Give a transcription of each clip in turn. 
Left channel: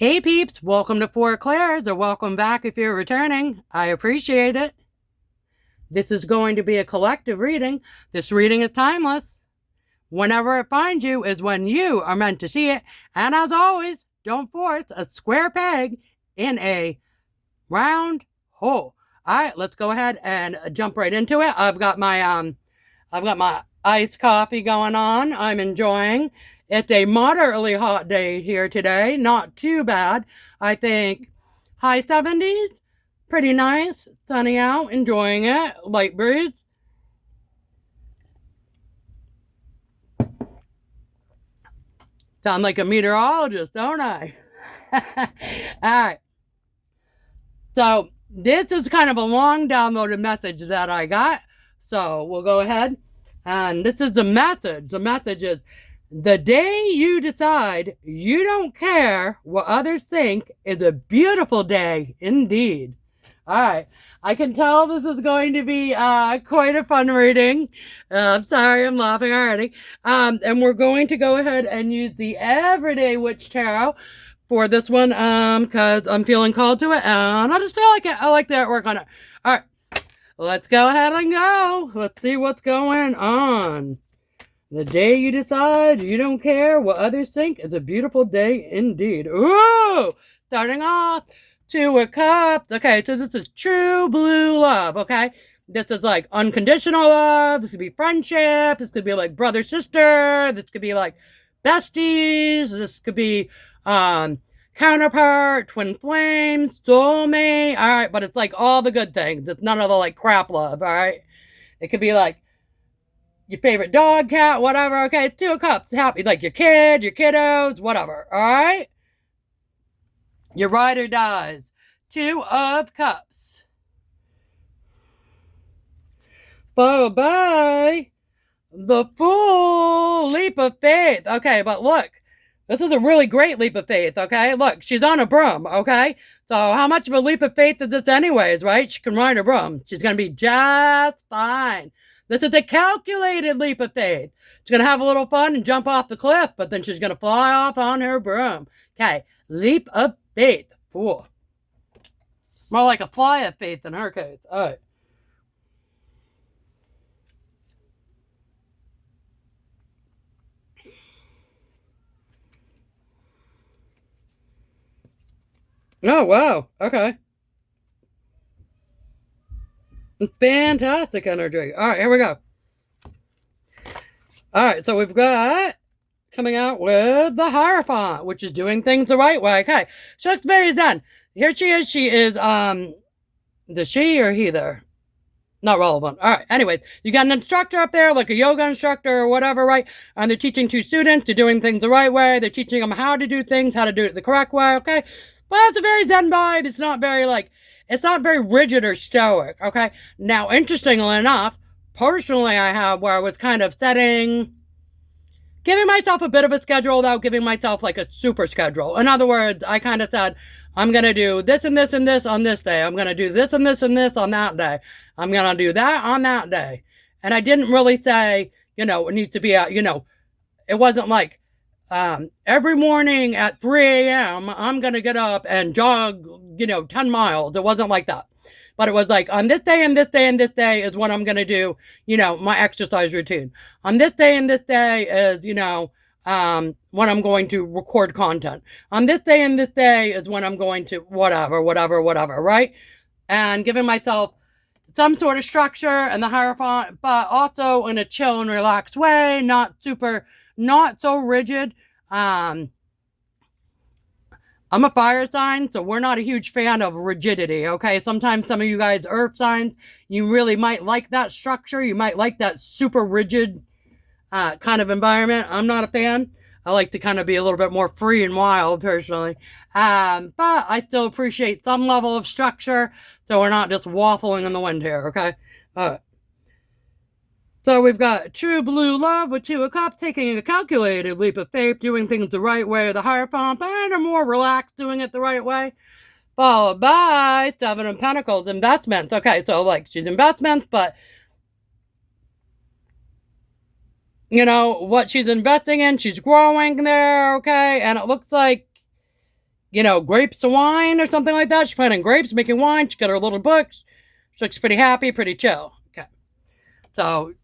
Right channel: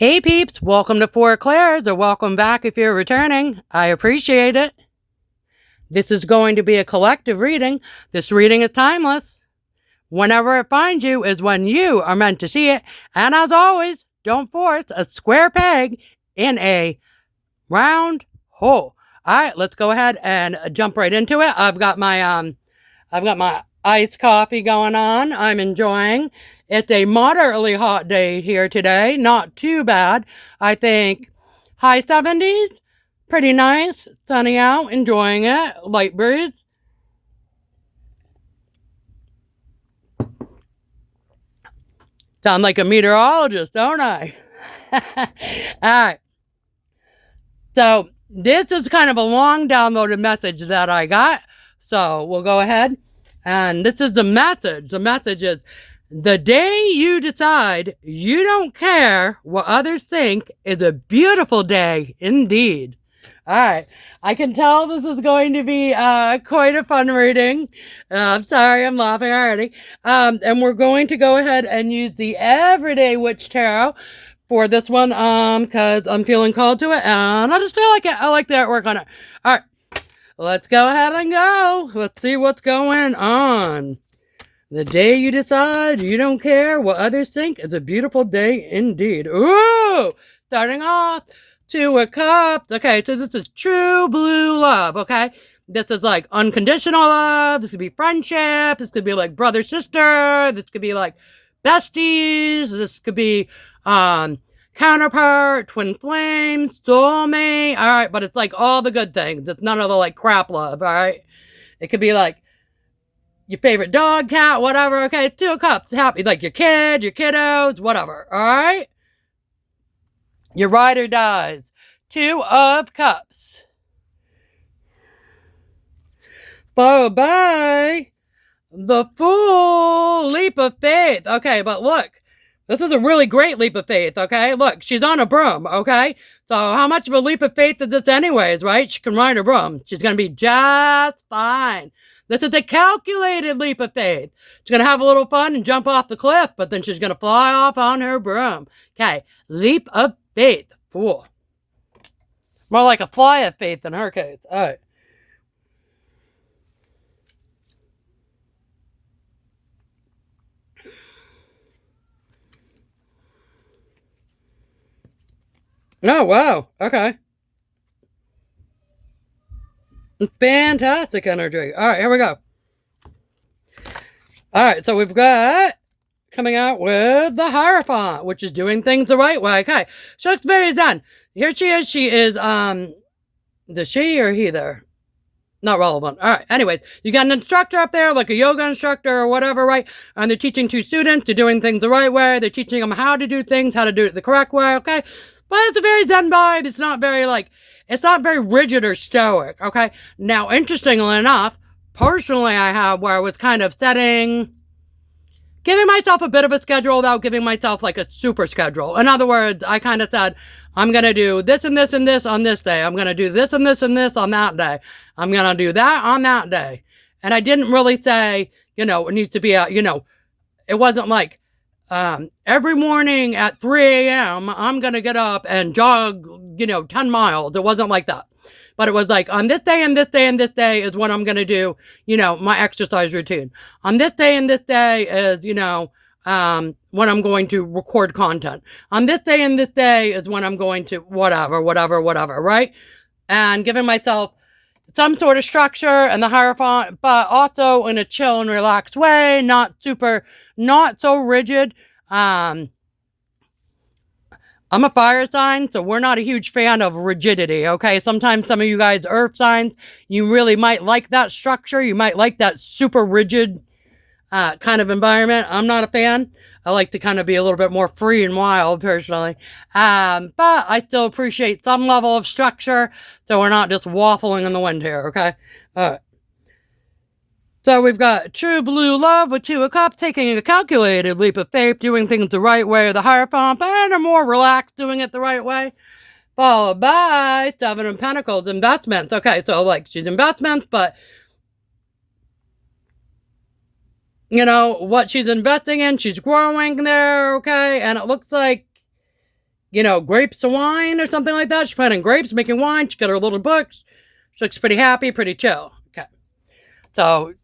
Hey peeps, welcome to Four Clairs, or welcome back if you're returning. I appreciate it. This is going to be a collective reading. This reading is timeless. Whenever it finds you is when you are meant to see it. And as always, don't force a square peg in a round hole. All right, let's go ahead and jump right into it. I've got my iced coffee going on. I'm enjoying. It's a moderately hot day here today. Not too bad. I think high 70s. Pretty nice. Sunny out. Enjoying it. Light breeze. Sound like a meteorologist, don't I? All right. So this is kind of a long downloaded message that I got. So we'll go ahead. And this is the message. The message is, the day you decide you don't care what others think is a beautiful day indeed. All right. I can tell this is going to be quite a fun reading. I'm sorry, I'm laughing already. And we're going to go ahead and use the Everyday Witch Tarot for this one because I'm feeling called to it. And I just feel like it. I like the artwork on it. All right. Let's go ahead and go. Let's see what's going on. The day you decide you don't care what others think is a beautiful day indeed. Ooh! Starting off, Two of Cups. Okay, so this is true blue love, okay? This is like unconditional love. This could be friendship. This could be like brother, sister. This could be like besties. This could be counterpart, twin flame, soulmate. All right, but it's like all the good things. It's none of the like crap love, all right? It could be like your favorite dog, cat, whatever. Okay, Two of Cups, happy, like your kid, your kiddos, whatever. All right? Your ride or dies. Two of Cups. Followed by the full leap of faith. Okay, but look, this is a really great leap of faith, okay? Look, she's on a broom, okay? So how much of a leap of faith is this anyways, right? She can ride a broom. She's going to be just fine. This is a calculated leap of faith. She's going to have a little fun and jump off the cliff, but then she's going to fly off on her broom. Okay, leap of faith. Fool. More like a fly of faith in her case. All right. Oh, wow. Okay. Fantastic energy. All right, here we go. All right, so we've got coming out with the Hierophant, which is doing things the right way. Okay, so it's very zen. Here she is. She is, the she or he there? Not relevant. All right, anyways, you got an instructor up there, like a yoga instructor or whatever, right? And they're teaching two students to doing things the right way. They're teaching them how to do things, how to do it the correct way, okay? But it's a very zen vibe. It's not very, like, it's not very rigid or stoic, okay? Now, interestingly enough, personally, I have where I was kind of giving myself a bit of a schedule without giving myself like a super schedule. In other words, I kind of said, I'm going to do this and this and this on this day. I'm going to do this and this and this on that day. I'm going to do that on that day. And I didn't really say, it needs to be it wasn't like every morning at 3 a.m. I'm going to get up and jog, 10 miles. It wasn't like that. But it was like, on this day and this day and this day is what I'm going to do, my exercise routine. On this day and this day is, when I'm going to record content. On this day and this day is when I'm going to whatever, right? And giving myself some sort of structure and the Hierophant, but also in a chill and relaxed way, not so rigid. I'm a fire sign, so we're not a huge fan of rigidity, okay? Sometimes some of you guys earth signs, you really might like that structure. You might like that super rigid kind of environment. I'm not a fan. I like to kind of be a little bit more free and wild, personally. But I still appreciate some level of structure, so we're not just waffling in the wind here, okay? All right. So we've got true blue love with Two of Cups, taking a calculated leap of faith, doing things the right way, the Hierophant, and a more relaxed, doing it the right way. Followed by Seven of Pentacles, investments. Okay, so like she's investments, but what she's investing in, she's growing there, okay? And it looks like grapes of wine or something like that. She's planting grapes, making wine. She got her little books. She looks pretty happy, pretty chill. Okay. So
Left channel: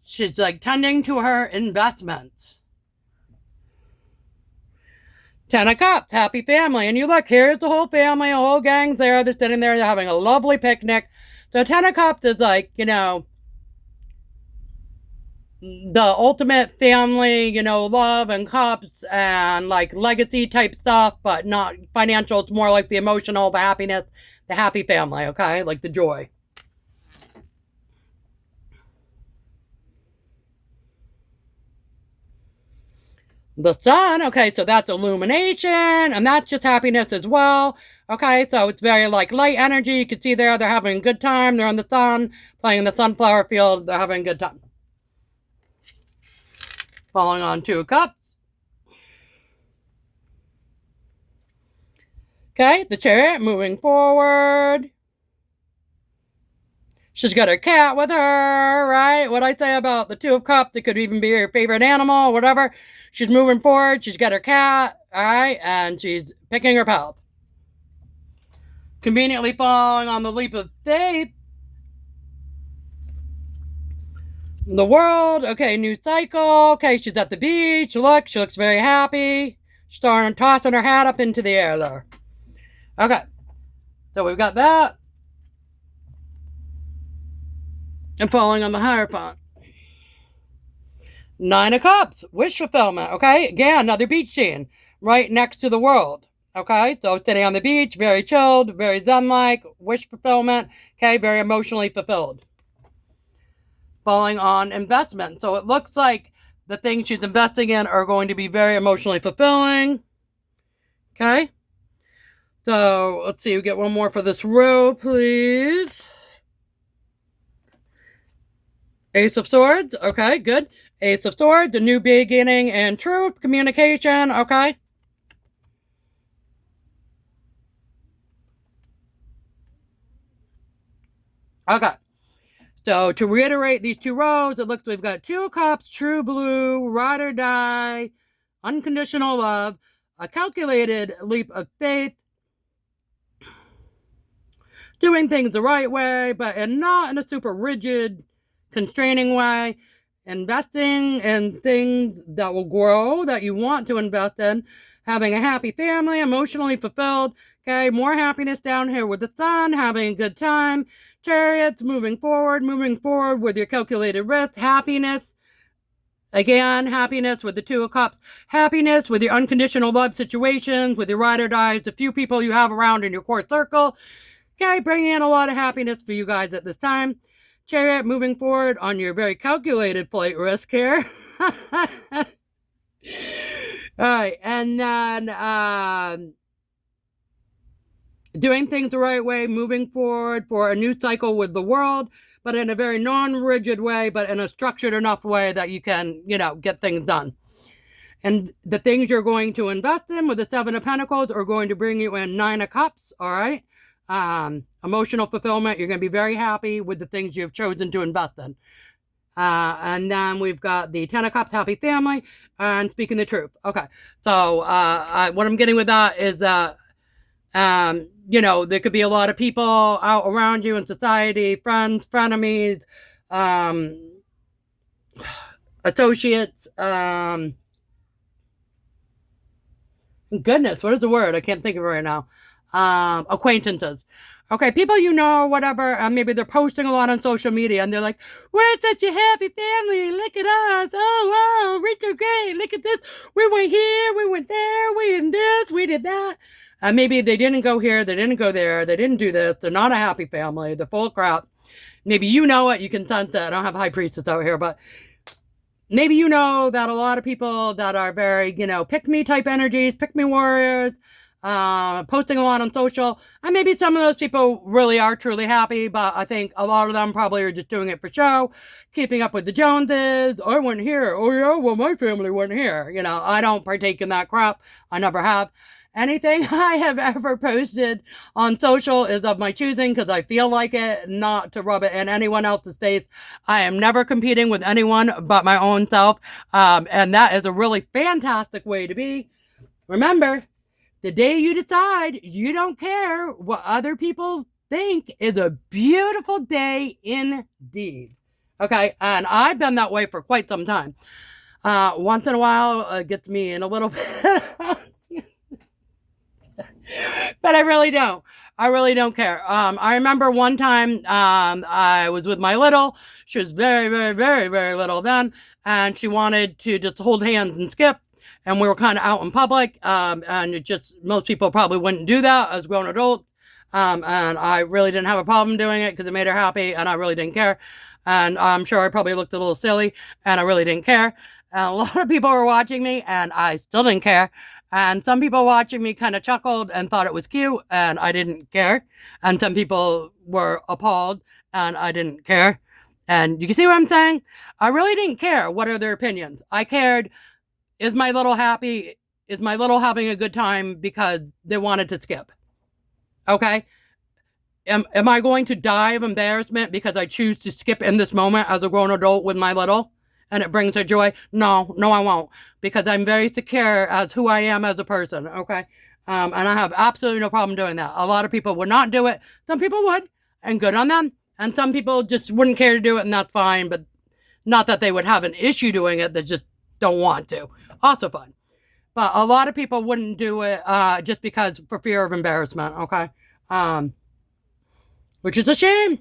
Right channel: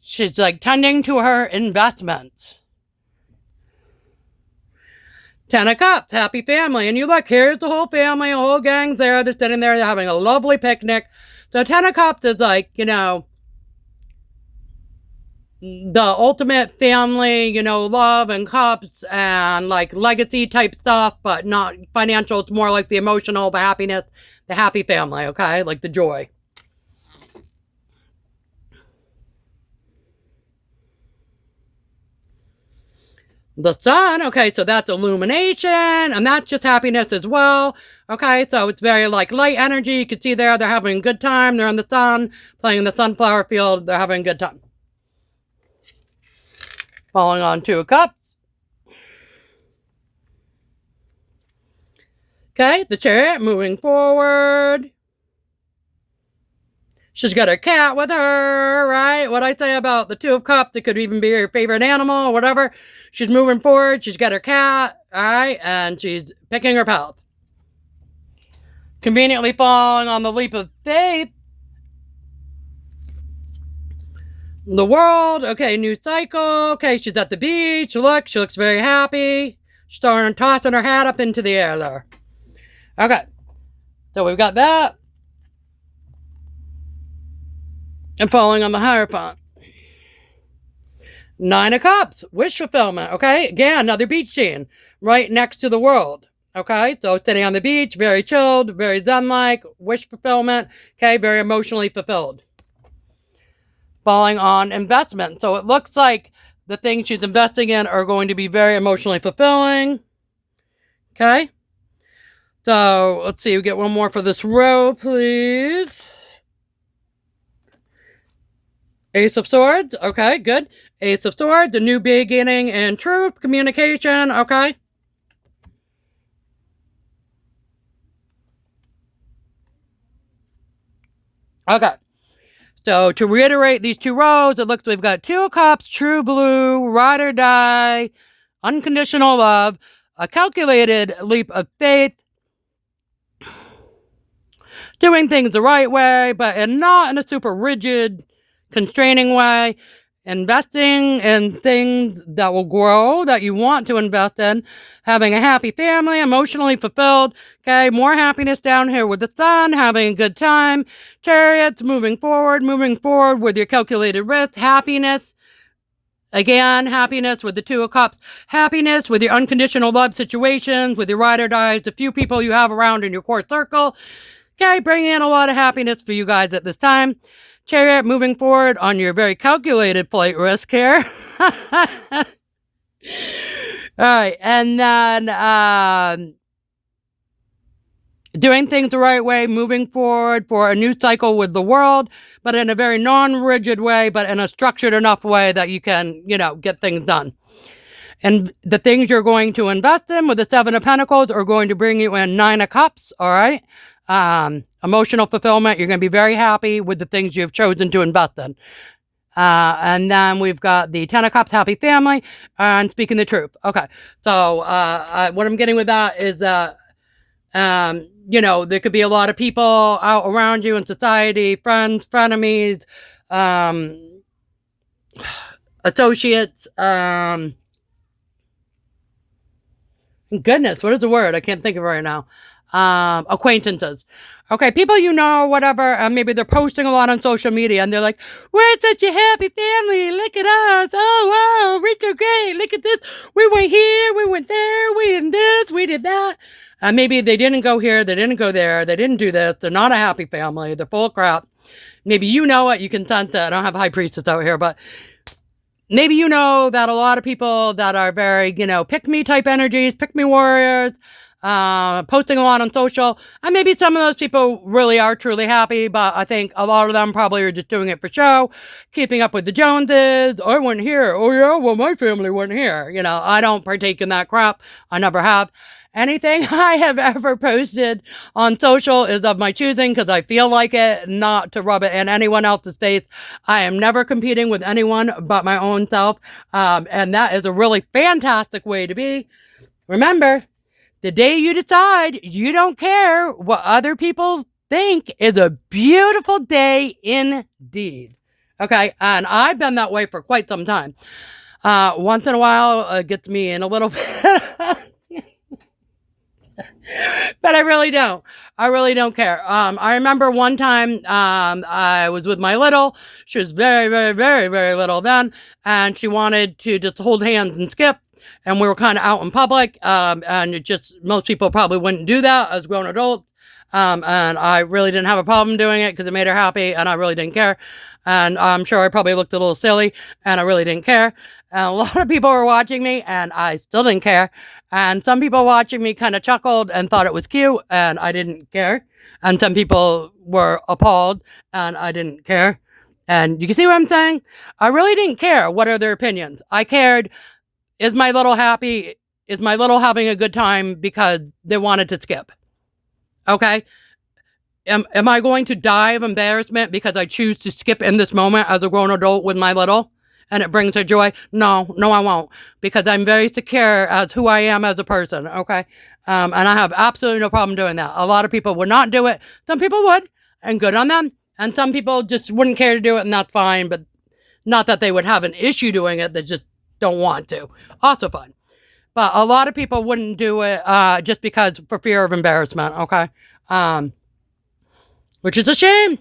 she's like tending to her investments. 10 of Cups, happy family. And you look, here's the whole family, a whole gang's there. They're sitting there, they're having a lovely picnic. So 10 of Cups is like, the ultimate family, love and cups and like legacy type stuff, but not financial. It's more like the emotional, the happiness, the happy family, okay? Like the joy. The sun, okay, so that's illumination, and that's just happiness as well. Okay, so it's very like light energy. You can see there, they're having a good time. They're in the sun, playing in the sunflower field. They're having a good time. Falling on 2 of Cups. Okay, the Chariot moving forward. She's got her cat with her, right? What I say about the 2 of Cups, it could even be her favorite animal, whatever. She's moving forward. She's got her cat, all right? And she's picking her path. Conveniently falling on the leap of faith. The World, okay, new cycle. Okay, she's at the beach. Look, she looks very happy. She's starting tossing her hat up into the air there. Okay, so we've got that. And falling on the Hierophant. 9 of Cups, wish fulfillment, okay? Again, another beach scene right next to the World, okay? So sitting on the beach, very chilled, very zen-like, wish fulfillment, okay? Very emotionally fulfilled. Falling on investment. So it looks like the things she's investing in are going to be very emotionally fulfilling, okay? So let's see, we get one more for this row, please. Ace of Swords, okay, good. Ace of Swords, a new beginning and truth, communication, okay. Okay. So to reiterate these 2 rows, it looks like we've got 2 of Cups, true blue, ride or die, unconditional love, a calculated leap of faith, doing things the right way, but not in a super rigid, constraining way. Investing in things that will grow, that you want to invest in. Having a happy family, emotionally fulfilled. Okay, more happiness down here with the sun, having a good time. Chariots, moving forward with your calculated risk. Happiness. Again, happiness with the 2 of Cups. Happiness with your unconditional love situations, with your ride or dies, the few people you have around in your core circle. Okay, bringing in a lot of happiness for you guys at this time. Chariot moving forward on your very calculated flight risk here. All right, and then doing things the right way, moving forward for a new cycle with the World, but in a very non-rigid way, but in a structured enough way that you can, get things done. And the things you're going to invest in with the 7 of Pentacles are going to bring you in 9 of Cups, all right? Emotional fulfillment. You're going to be very happy with the things you've chosen to invest in. And then we've got the 10 of Cups, happy family, and speaking the truth. Okay. So, what I'm getting with that is that, there could be a lot of people out around you in society, friends, frenemies, associates, goodness, what is the word? I can't think of it right now. Acquaintances. Okay, people whatever, maybe they're posting a lot on social media and they're like, we're such a happy family, look at us, oh wow, we're so great, look at this, we went here, we went there, we did this, we did that. Maybe they didn't go here, they didn't go there, they didn't do this, they're not a happy family, they're full of crap. Maybe you know it, you can sense it. I don't have high priestess out here, but maybe you know that a lot of people that are very, pick-me type energies, pick-me warriors, posting a lot on social, and maybe some of those people really are truly happy, but I think a lot of them probably are just doing it for show, keeping up with the Joneses. I went here. Oh yeah, well my family went here. I don't partake in that crap. I never have. Anything I have ever posted on social is of my choosing because I feel like it, not to rub it in anyone else's face. I am never competing with anyone but my own self, and that is a really fantastic way to be. Remember, The day you decide you don't care what other people think is a beautiful day indeed. Okay, and I've been that way for quite some time. Once in a while, it gets me in a little bit. But I really don't. I really don't care. I remember one time I was with my little. She was very, very, very, very little then, and she wanted to just hold hands and skip. And we were kind of out in public, and it just most people probably wouldn't do that as grown adults. And I really didn't have a problem doing it because it made her happy, and I really didn't care. And I'm sure I probably looked a little silly, and I really didn't care. And a lot of people were watching me, and I still didn't care. And some people watching me kind of chuckled and thought it was cute, and I didn't care. And some people were appalled, and I didn't care. And you can see what I'm saying? I really didn't care what are their opinions. I cared, is my little happy? Is my little having a good time because they wanted to skip? Okay? Am I going to die of embarrassment because I choose to skip in this moment as a grown adult with my little? And it brings her joy? No, I won't. Because I'm very secure as who I am as a person, okay? And I have absolutely no problem doing that. A lot of people would not do it. Some people would, and good on them. And some people just wouldn't care to do it, and that's fine. But not that they would have an issue doing it, they just don't want to. Also fine. But a lot of people wouldn't do it just because for fear of embarrassment, okay? Which is a shame.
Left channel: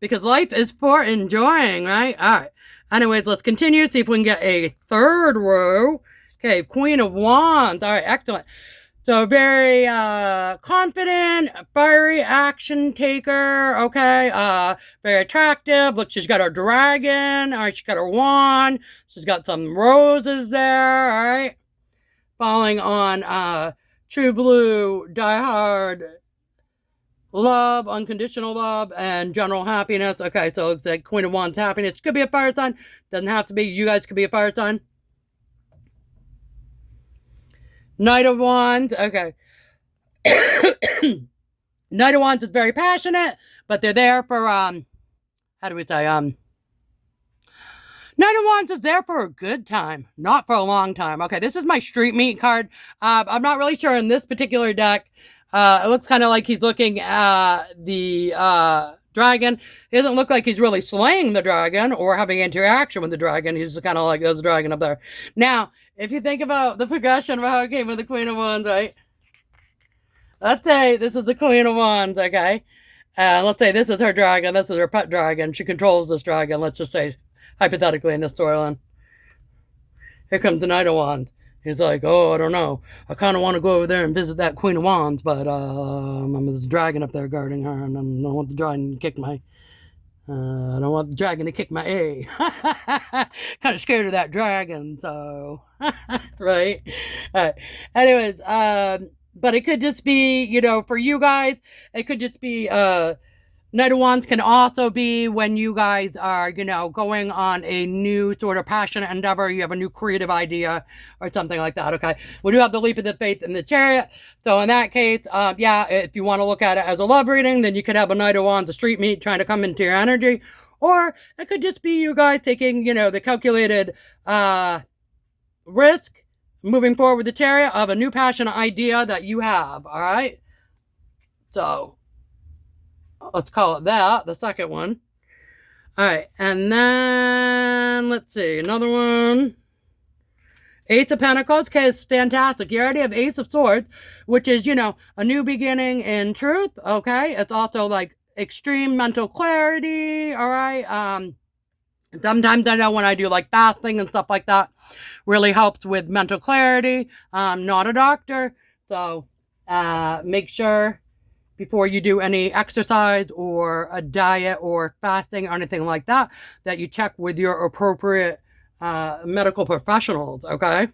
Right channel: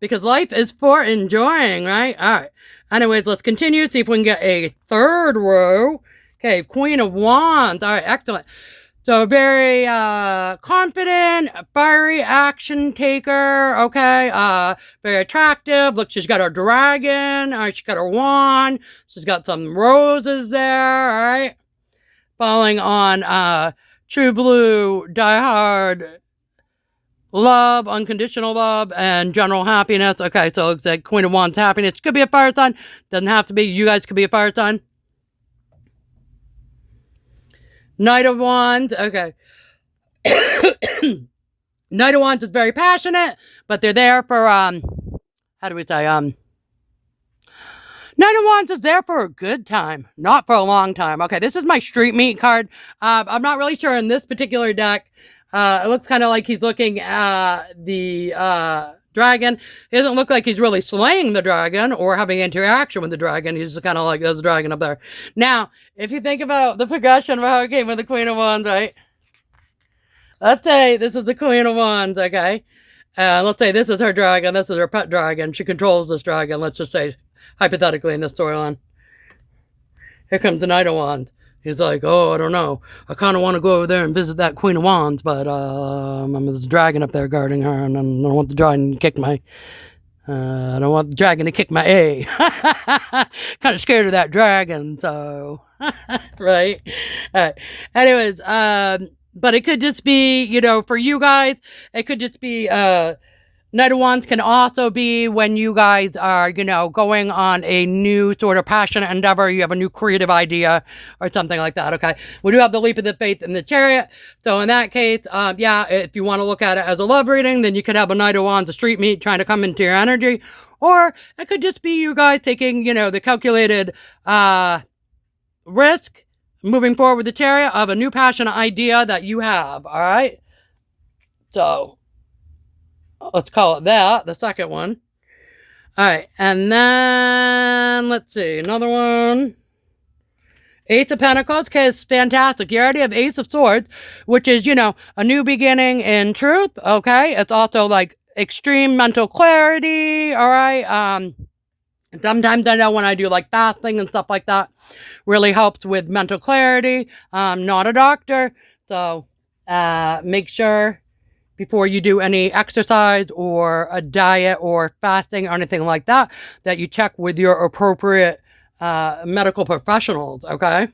Because life is for enjoying, right? All right. Anyways, let's continue. See if we can get a third row. Okay, Queen of Wands. All right, excellent. So very confident, fiery action taker. Okay, very attractive. Look, she's got her dragon. She's got her wand. She's got some roses there. All right, falling on true blue, diehard love, unconditional love, and general happiness. Okay, so it looks like Queen of Wands happiness. Could be a fire sign. Doesn't have to be. You guys could be a fire sign. Knight of Wands. Okay. Knight of Wands is very passionate, but they're there for, how do we say, Knight of Wands is there for a good time, not for a long time. Okay, this is my street meat card. I'm not really sure in this particular deck. It looks kind of like he's looking at the dragon. It doesn't look like he's really slaying the dragon or having interaction with the dragon. He's kind of like, there's a dragon up there. Now, if you think about the progression of how it came with the Queen of Wands, right? Let's say this is the Queen of Wands, okay? Let's say this is her dragon. This is her pet dragon. She controls this dragon. Let's just say, hypothetically, in this storyline. Here comes the Knight of Wands. He's like, oh, I don't know. I kind of want to go over there and visit that Queen of Wands, but there's a dragon up there guarding her, and I don't want the dragon to kick my... I don't want the dragon to kick my A. Kind of scared of that dragon, so... right? All right. Anyways, but it could just be, you know, for you guys, it could just be... Knight of Wands can also be when you guys are, you know, going on a new sort of passionate endeavor. You have a new creative idea or something like that, okay? We do have the Leap of the Faith and the Chariot. So in that case, yeah, if you want to look at it as a love reading, then you could have a Knight of Wands, a street meat, trying to come into your energy. Or it could just be you guys taking, you know, the calculated risk, moving forward with the Chariot of a new passionate idea that you have, all right? So... let's call it that, the second one. All right, and then, let's see, another one. Ace of Pentacles, okay, it's fantastic. You already have Ace of Swords, which is, you know, a new beginning in truth, okay? It's also, like, extreme mental clarity, all right? Sometimes I know when I do, like, fasting and stuff like that, really helps with mental clarity. I'm not a doctor, so make sure... before you do any exercise or a diet or fasting or anything like that, that you check with your appropriate medical professionals, okay?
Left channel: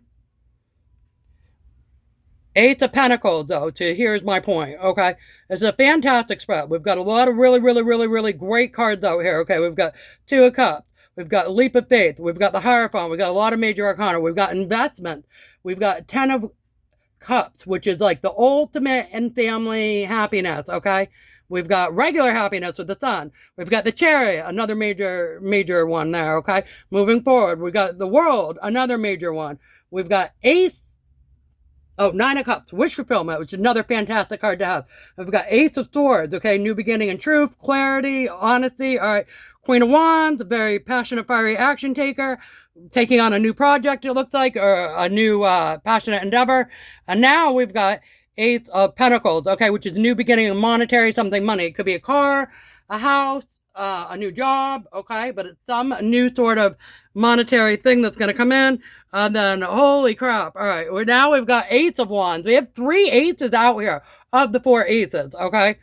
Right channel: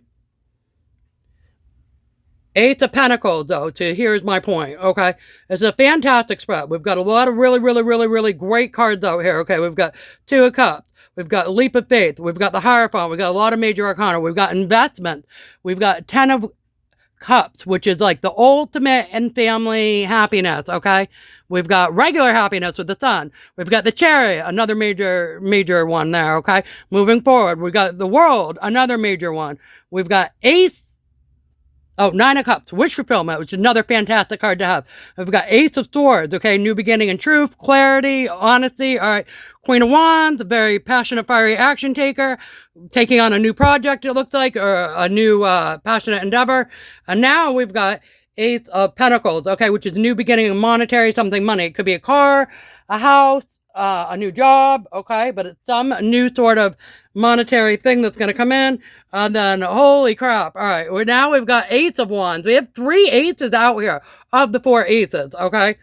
Ace of Pentacles, though, here's my point, okay? It's a fantastic spread. We've got a lot of really, really, really, really great cards out here, okay? We've got Two of Cups. We've got Leap of Faith. We've got the Hierophant. We've got a lot of major arcana. We've got investment. We've got Ten of Cups, which is like the ultimate in family happiness, okay? We've got regular happiness with the Sun. We've got the Chariot, another major one there, okay? Moving forward, we've got the World, another major one. We've got Ace Oh, Nine of Cups, Wish Fulfillment, which is another fantastic card to have. We've got Ace of Swords, okay, New Beginning and Truth, Clarity, Honesty, all right. Queen of Wands, a very passionate, fiery action taker, taking on a new project, it looks like, or a new passionate endeavor. And now we've got Ace of Pentacles, okay, which is a new beginning of monetary something money. It could be a car, a house, a new job, okay, but it's some new sort of monetary thing that's going to come in. And then, holy crap. All right. Now we've got Ace of Wands. We have 3 aces out here of the 4 aces, okay?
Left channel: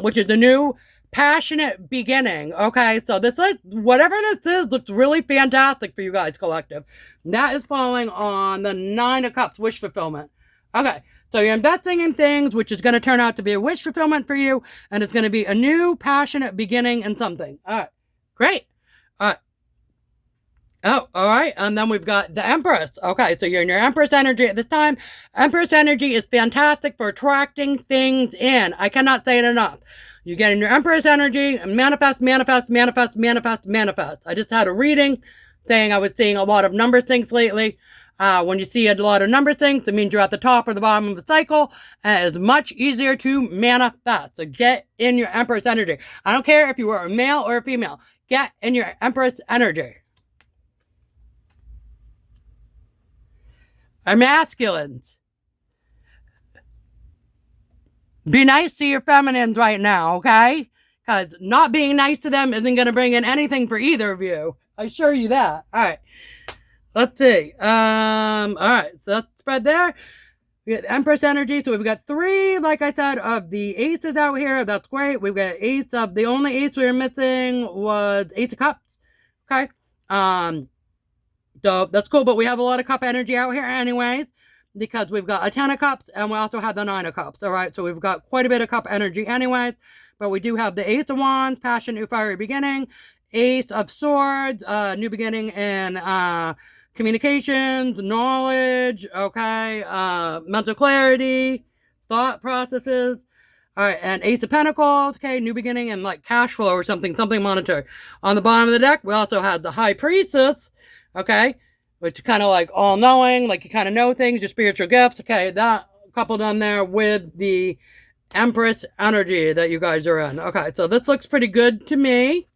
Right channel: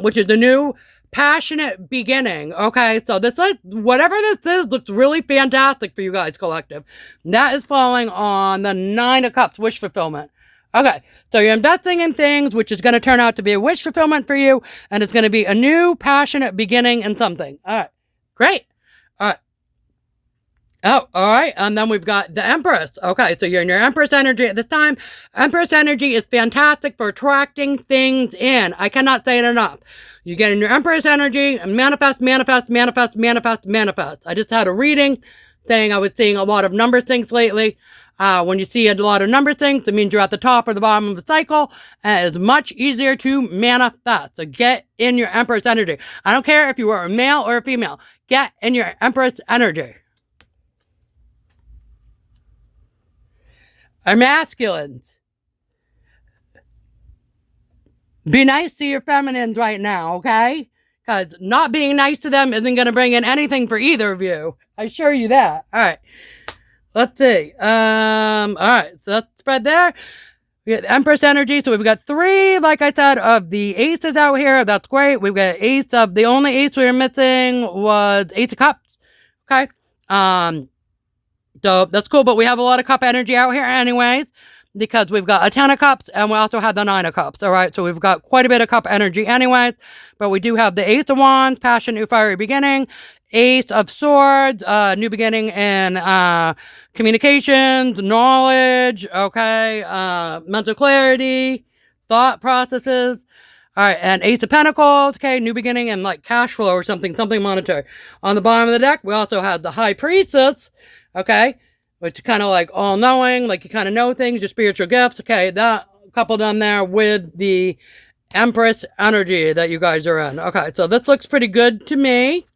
Which is a new passionate beginning, okay? So this, like, whatever this is, looks really fantastic for you guys, collective. And that is falling on the 9 of Cups, wish fulfillment. Okay, so you're investing in things which is going to turn out to be a wish fulfillment for you, and it's going to be a new passionate beginning in something. All right, great. All right. Oh, all right. And then we've got the Empress. Okay, so you're in your Empress energy at this time. Empress energy is fantastic for attracting things in. I cannot say it enough. You get in your Empress energy and manifest, manifest, manifest, manifest, manifest. I just had a reading saying I was seeing a lot of number things lately. When you see a lot of number things, it means you're at the top or the bottom of the cycle, and it's much easier to manifest. So get in your Empress energy. I don't care if you were a male or a female. Get in your Empress energy. Our masculines. Be nice to your feminines right now, okay? Because not being nice to them isn't going to bring in anything for either of you. I assure you that. All right. Let's see. All right. So that's spread there. We got the Empress energy. So we've got 3, like I said, of the aces out here. That's great. We've got ace of, the only ace we were missing was Ace of Cups. Okay. So that's cool, but we have a lot of cup energy out here anyways, because we've got a 10 of cups and we also have the 9 of cups. All right, so we've got quite a bit of cup energy anyways, but we do have the Ace of Wands, passion, new fiery beginning, Ace of Swords, new beginning in communications, knowledge, okay, mental clarity, thought processes. All right, and Ace of Pentacles, okay, new beginning and like cash flow or something monetary. On the bottom of the deck, we also have the High Priestess, okay, which is kind of like all-knowing, like you kind of know things, your spiritual gifts, okay, that coupled on there with the Empress energy that you guys are in. Okay, so this looks pretty good to me.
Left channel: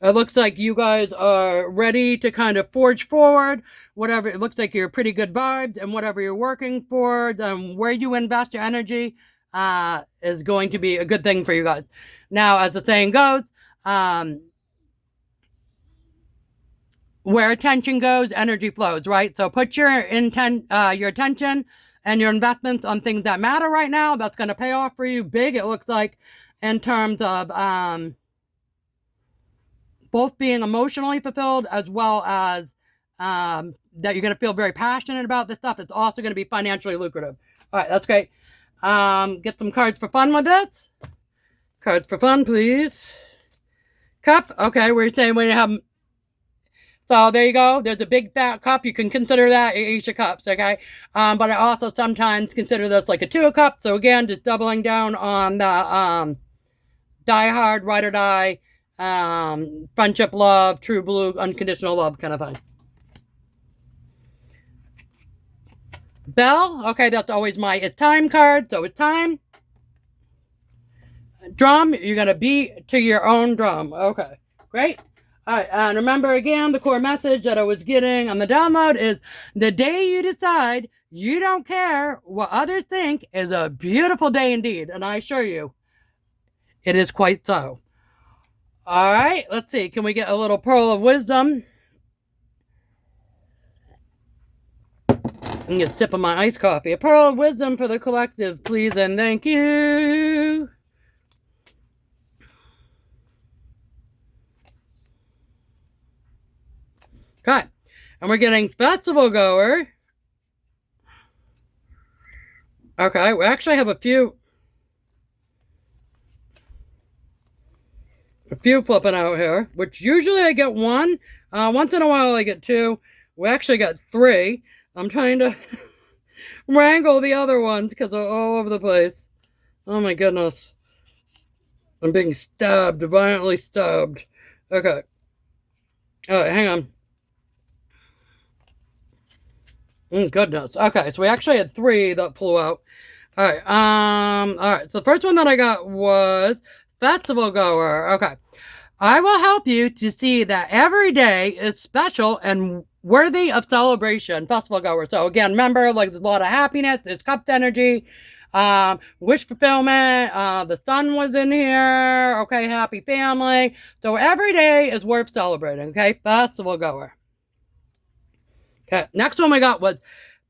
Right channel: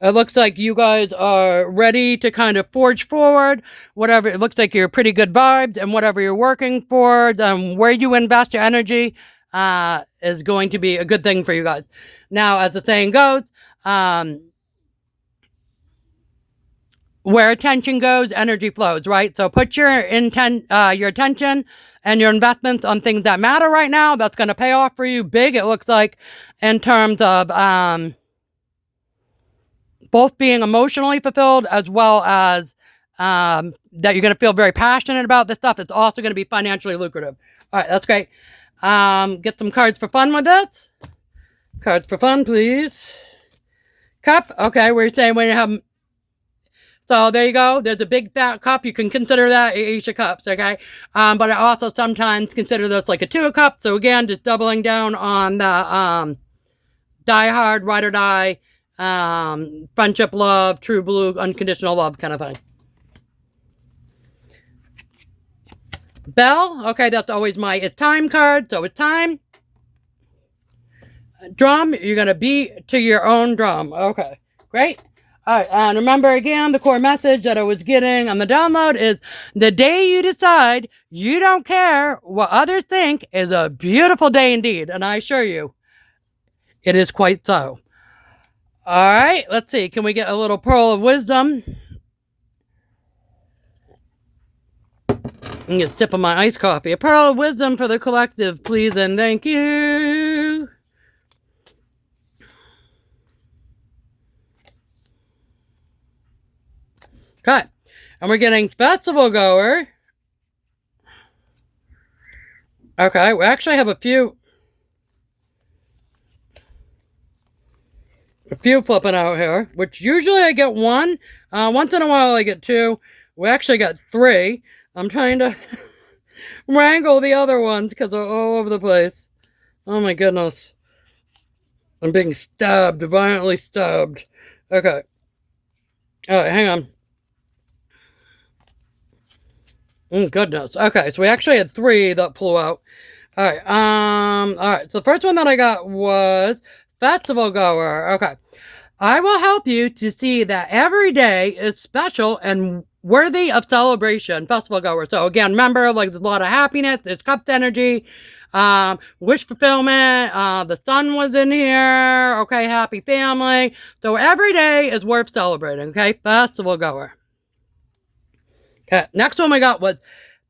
It looks like you guys are ready to kind of forge forward, whatever, it looks like you're pretty good vibes, and whatever you're working for, where you invest your energy is going to be a good thing for you guys. Now, as the saying goes, where attention goes, energy flows, right? So put your attention and your investments on things that matter right now. That's going to pay off for you big, it looks like, in terms of both being emotionally fulfilled as well as that you're going to feel very passionate about this stuff. It's also going to be financially lucrative. All right, that's great. Get some cards for fun with this. Cards for fun, please. Cup. Okay, we're saying when you have... So there you go. There's a big fat cup. You can consider that Ace of Cups, okay? But I also sometimes consider this like a 2 of Cups. So again, just doubling down on the die hard, ride or die, friendship, love, true blue, unconditional love kind of thing. Bell. Okay, that's always my it's time card. So it's time. Drum. You're going to beat to your own drum. Okay, great. All right, and remember again, the core message that I was getting on the download is the day you decide you don't care what others think is a beautiful day indeed. And I assure you, it is quite so. All right, let's see. Can we get a little pearl of wisdom? I'm just sipping my iced coffee. A pearl of wisdom for the collective, please and thank you. Okay, and we're getting festival goer. Okay, we actually have a few flipping out here, which usually I get 1. Once in a while I get 2. We actually got 3. I'm trying to wrangle the other ones because they're all over the place. Oh my goodness. I'm being stabbed, violently stabbed. Okay. Alright, hang on. Goodness. Okay, so we actually had 3 that flew out. Alright, so the first one that I got was festival goer. Okay. I will help you to see that every day is special and worthy of celebration. Festival goer. So again, remember, like, there's a lot of happiness, there's cupped energy, wish fulfillment, the sun was in here, okay, happy family. So every day is worth celebrating, okay? Festival goer. Okay, next one we got was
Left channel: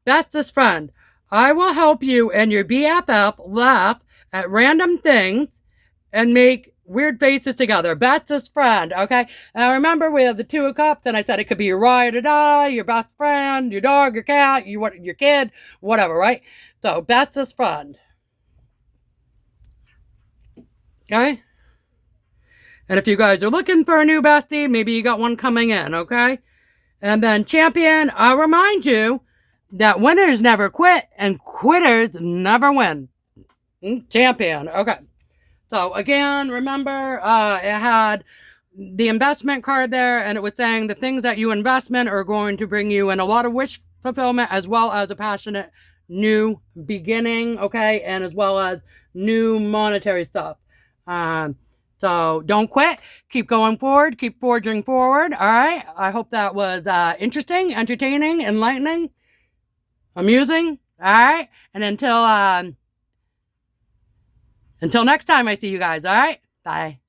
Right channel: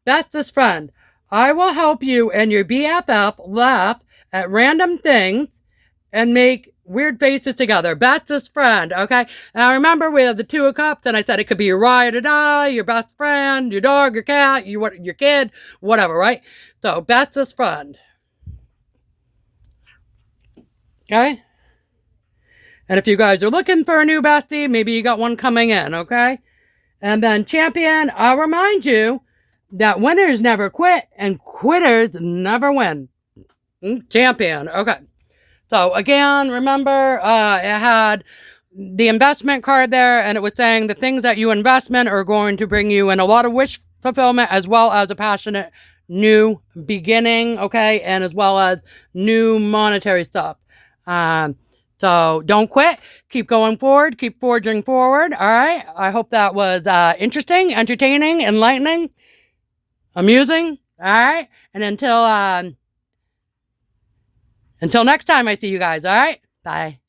bestest friend. I will help you and your BFF laugh at random things and make weird faces together. Bestest friend, okay? And I remember we had the 2 of Cups, and I said it could be your ride or die, your best friend, your dog, your cat, your kid, whatever, right? So, bestest friend. Okay? And if you guys are looking for a new bestie, maybe you got one coming in, okay? And then champion, I'll remind you that winners never quit and quitters never win. Champion, okay. So again, remember, it had the investment card there, and it was saying the things that you invest in are going to bring you in a lot of wish fulfillment, as well as a passionate new beginning, okay, and as well as new monetary stuff. So don't quit. Keep going forward. Keep forging forward. All right. I hope that was interesting, entertaining, enlightening, amusing. All right. And until next time I see you guys. All right. Bye.